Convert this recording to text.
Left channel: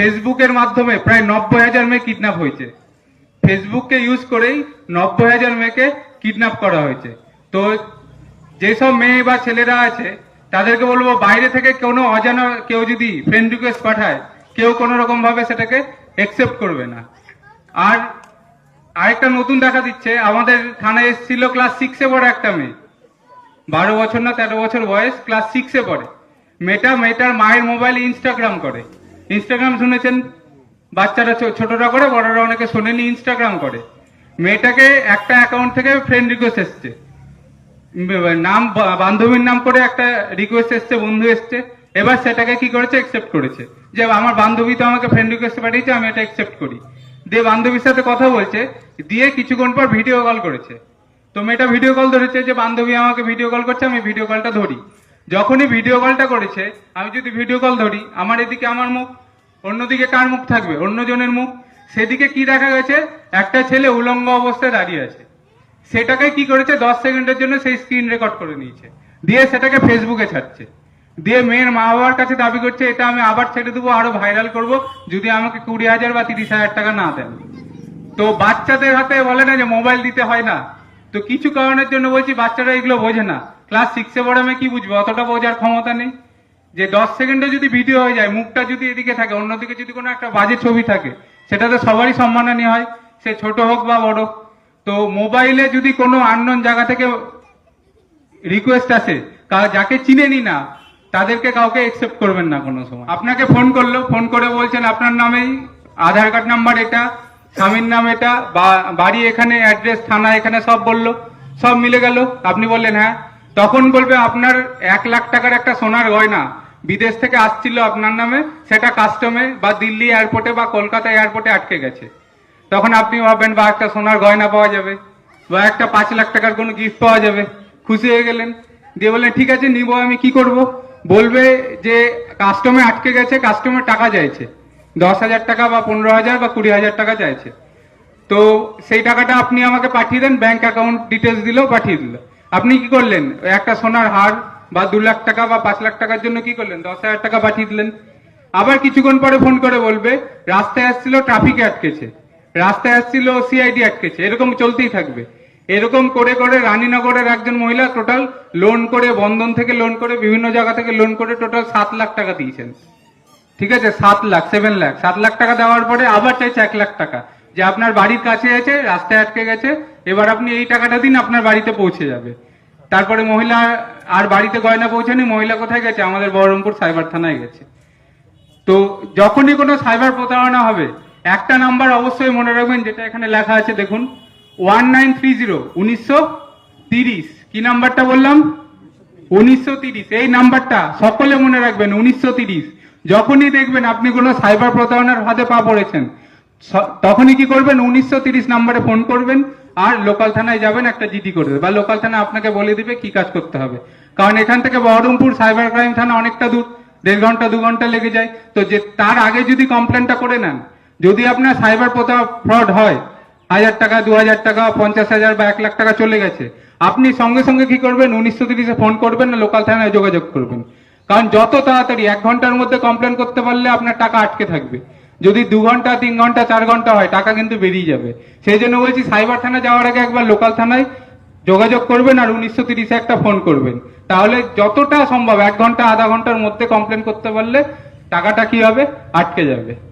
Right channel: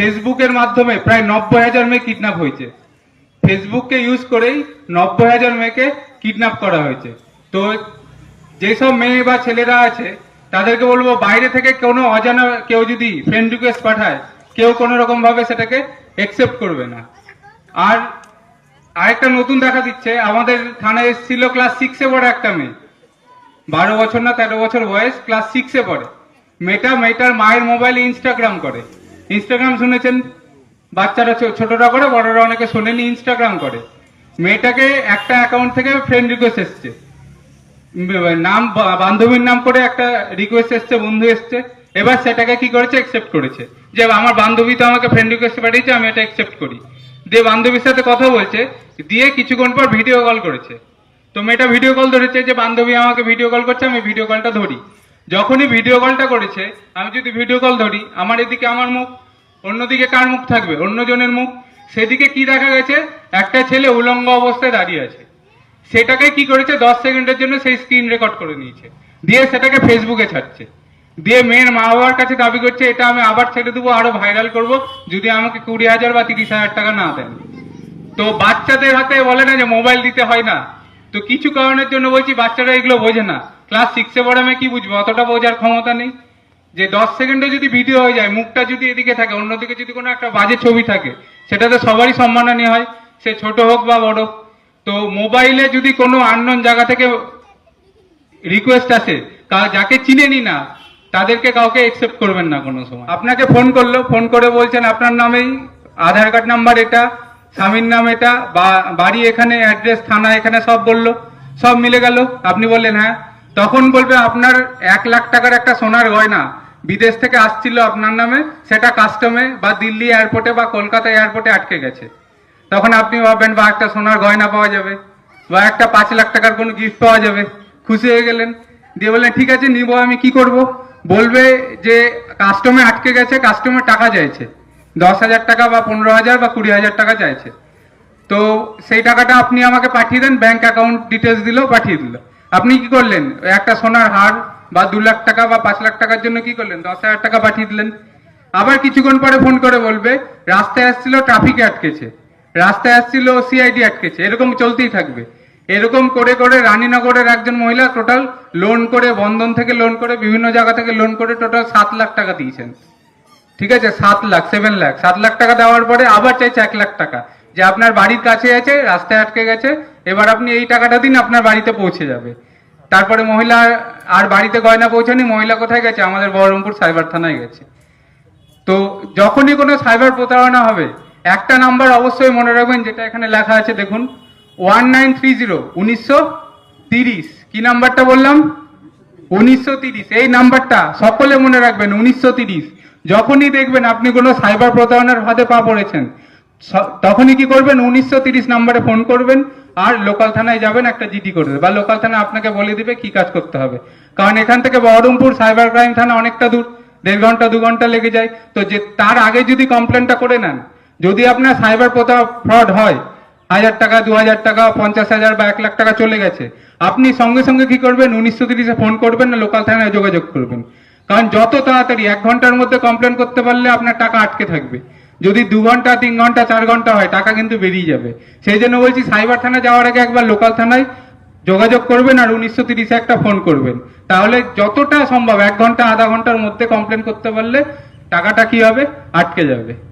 ফেসবুকের মাধ্যমে প্রায় নব্বই হাজার মেয়ে কিডন্যাপ হয়েছে। ফেসবুককে ইউজ করেই নব্বই হাজার মেয়েকে কিডন্যাপ করা হয়েছে। তো যেসব মেয়ে বা ছেলেরা আছে, তাদেরকে বলব বাইরে থেকে কোনো অজানা কেউ যদি ফ্রেন্ড রিকোয়েস্ট পাঠায়, কেউ কোনো রকম ভাবে সেটাকে একসেপ্ট করবে না। আর আরেকটা নতুন দেখা দিচ্ছে, আমাদের থানায় এসেছিল ক্লাস সিক্সে পড়ে একটা মেয়ে। বারো বছর না তেরো বছর বয়স ক্লাস সিক্সে পড়ে। মেয়েটা, মেয়েটার মায়ের মোবাইলে ইনস্টাগ্রাম করে। ইনস্টাগ্রাম শুনেছেন? বাচ্চারা ছোটরা করে, বড়রা অনেকে শোনেনি ইনস্টাগ্রাম করে। মেয়েটাকে একটা অ্যাকাউন্ট থেকে ফ্রেন্ড রিকোয়েস্ট এসছে। নাম বান্ধবীর নাম করে একটা রিকোয়েস্ট এসছে, বন্ধু এসছে। এবার সেটাকে কি করেছে? একসেপ্ট করেছে। যে, আমার বান্ধবী তো আমাকে ফ্রেন্ড রিকোয়েস্ট পাঠিয়েছে, আমি এটা একসেপ্ট করি। দিয়ে বান্ধবীর সাথে কথা বলছে, দিয়ে কিছুক্ষণ পর ভিডিও কল করেছে। তো মেয়েটা ভিডিও কল ধরেছে যে, বান্ধবী আমাকে ভিডিও কল করছে, আমি ভিডিও কলটা ধরি। যখনই ভিডিও কলটা করেছে, আমি যদি ভিডিও কল ধরি, আমার এদিকে আমার মুখ, অন্যদিকে কার মুখ থাকবে? অন্যজনের মুখ। সেদিকে কি দেখা গেছে? একটা ছেলে উলঙ্গ অবস্থায় দাঁড়িয়ে আছে। সেটাকে কি করেছে? দশ সেকেন্ডের জন্য সেই স্ক্রিন রেকর্ড করে নিয়েছে। দিয়ে সেটাকে ফেসবুকে ছাড়ছে। দিয়ে মেয়ের মা বাবার কাছে দাবি করছে, এটা আমি আবার ছেড়ে দেবো, আরও ভাইরাল করব, যদি আমাকে কুড়ি হাজার বা তিরিশ হাজার টাকা না দেন। তো বাচ্চাদের হাতে বলে না যে মোবাইল দিতে হয় না। তো কিছু কারণের জন্য বলছি, বাচ্চারা এগুলো বোঝে না। ক্লাস সিক্সে পড়ে আমি কি বুঝব? অতটা বোঝার ক্ষমতা নেই। যে দশ সেকেন্ডে যদি ভিডিও হয়ে যায়, মুখটা যদি এদিকে থাকে, অন্যদিকে যদি কোনো একটা বাজে ছবি থাকে, সেটাতে সবারই সম্মানহানি হয়। সে ছোট হোক বা বড় তো মোবাইলে যদি কোনো আননোন জায়গা থেকে রিকোয়েস্ট আসে যাকে চিনেনি না, তাদেরকে কাউকে একসেপ্ট করবেন না কোনো সময়। আপনাকে ফোন করল ফোন করে বলছেন, আপনার নামেই আধার কার্ড নাম্বার এটা, স্বামীর নাম এটা বাড়ি এখানে অ্যাড্রেস থানা এখানে সব বলল, সব মিলে গেল। আপনি বললেন হ্যাঁ। তখন বলবে আপনার এক লাখ টাকার একটা সোনার গয়না বিদেশ থেকে আসছিল আপনার নামে, সেটা কাস্টমে বা দিল্লি এয়ারপোর্টে বা কলকাতা এয়ারপোর্টে আটকে গেছে। তখন আপনি ভাববেন, বা একটা সোনার গয়না পাওয়া যাবে, বা একটা পাঁচ লাখ টাকার কোনো গিফট পাওয়া যাবে। খুশি হয়ে গেলেন। দিয়ে বললেন, ঠিক আছে, নিব, আমি কি করব? বলবে যে কাস্টমে আটকে গেছে কাস্টমার টাকা চাইছে। দশ হাজার টাকা বা পনেরো হাজার বা কুড়ি হাজার টাকা চাইছে। তো সেই টাকাটা আপনি আমাকে পাঠিয়ে দেন ব্যাংক অ্যাকাউন্ট ডিটেলস দিলেও পাঠিয়ে দিল। আপনি কি করলেন? একটা সোনার হার বা দু লাখ টাকা বা পাঁচ লাখ টাকার জন্য কি করলেন? দশ হাজার টাকা পাঠিয়ে দিলেন। আবার কিছুক্ষণ পরে ফোন করে বলবে, রাস্তায় আসছিল ট্রাফিকে আটকেছে। রাস্তায় আসছিল সিআইডি আটকেছে। এরকম চলতেই থাকবে। এরকম করে করে রানীনগরের একজন মহিলা টোটাল লোন করে, বন্ধন থেকে লোন করে, বিভিন্ন জায়গা থেকে লোন করে টোটাল সাত লাখ টাকা দিয়েছেন। ঠিক আছে? সাত লাখ সেভেন লাখ। সাত লাখ টাকা দেওয়ার পরে আবার চাইছে এক লাখ টাকা। যে আপনার বাড়ির কাছে আছে রাস্তায় আটকে গেছে, এবার আপনি এই টাকাটা দিন আপনার বাড়িতে পৌঁছে যাবে। তারপরে মহিলা আর বাড়িতে গয়না পৌঁছানি মহিলা কোথায় গেছে? আমাদের বহরমপুর সাইবার থানায় গেছে। তো যখনই কোনো সাইবার প্রতারণা হবে, একটা নাম্বার অবশ্যই মনে রাখবেন, যেটা এখানে লেখা আছে, দেখুন, ওয়ান নাইন থ্রি জিরো, উনিশশো তিরিশ। কি নাম্বারটা বললাম? উনিশশো তিরিশ। এই নাম্বারটা সকলে মনে রাখবেন, উনিশশো তিরিশ। যখনই দেখবেন আপনি কোনো সাইবার প্রতারণার হাতে পা পড়েছেন তখনই কি করবেন? উনিশশো নাম্বারে ফোন করবেন আর লোকাল থানায় যাবেন, একটা জিডি করবে বা লোকাল থানা আপনাকে বলে দিবে কি কাজ করতে হবে। কারণ এখান থেকে বহরমপুর সাইবার ক্রাইম থানা অনেকটা দূর, দেড় ঘণ্টা, দু ঘণ্টা লেগে যায়। তো যে তার আগে যদি কমপ্লেনটা করে নেন, যদি আপনার সাইবার ফ্রড হয়, হাজার টাকা, দু হাজার টাকা, পঞ্চাশ হাজার বা এক লাখ টাকা চলে গেছে, আপনি সঙ্গে সঙ্গে কি করবেন? উনিশশো তিরিশে ফোন করবেন না, লোকাল থানায় যোগাযোগ করবেন। কারণ যত তাড়াতাড়ি, এক ঘণ্টার মধ্যে কমপ্লেন করতে পারলে আপনার টাকা আটকে থাকবে। যদি দু ঘণ্টা, তিন ঘণ্টা, চার ঘণ্টা হয়, টাকা কিন্তু বেরিয়ে যাবে। সেই জন্য বলছি, সাইবার থানা যাওয়ার আগে একবার লোকাল থানায় যোগাযোগ করবেন আর উনিশশো তিরিশে একটা ফোন করবেন। তাহলে যতটা সম্ভব, এক ঘণ্টা, আধা ঘণ্টার মধ্যে কমপ্লেন করতে পারলে টাকাটা কি হবে? আটকে যাবে।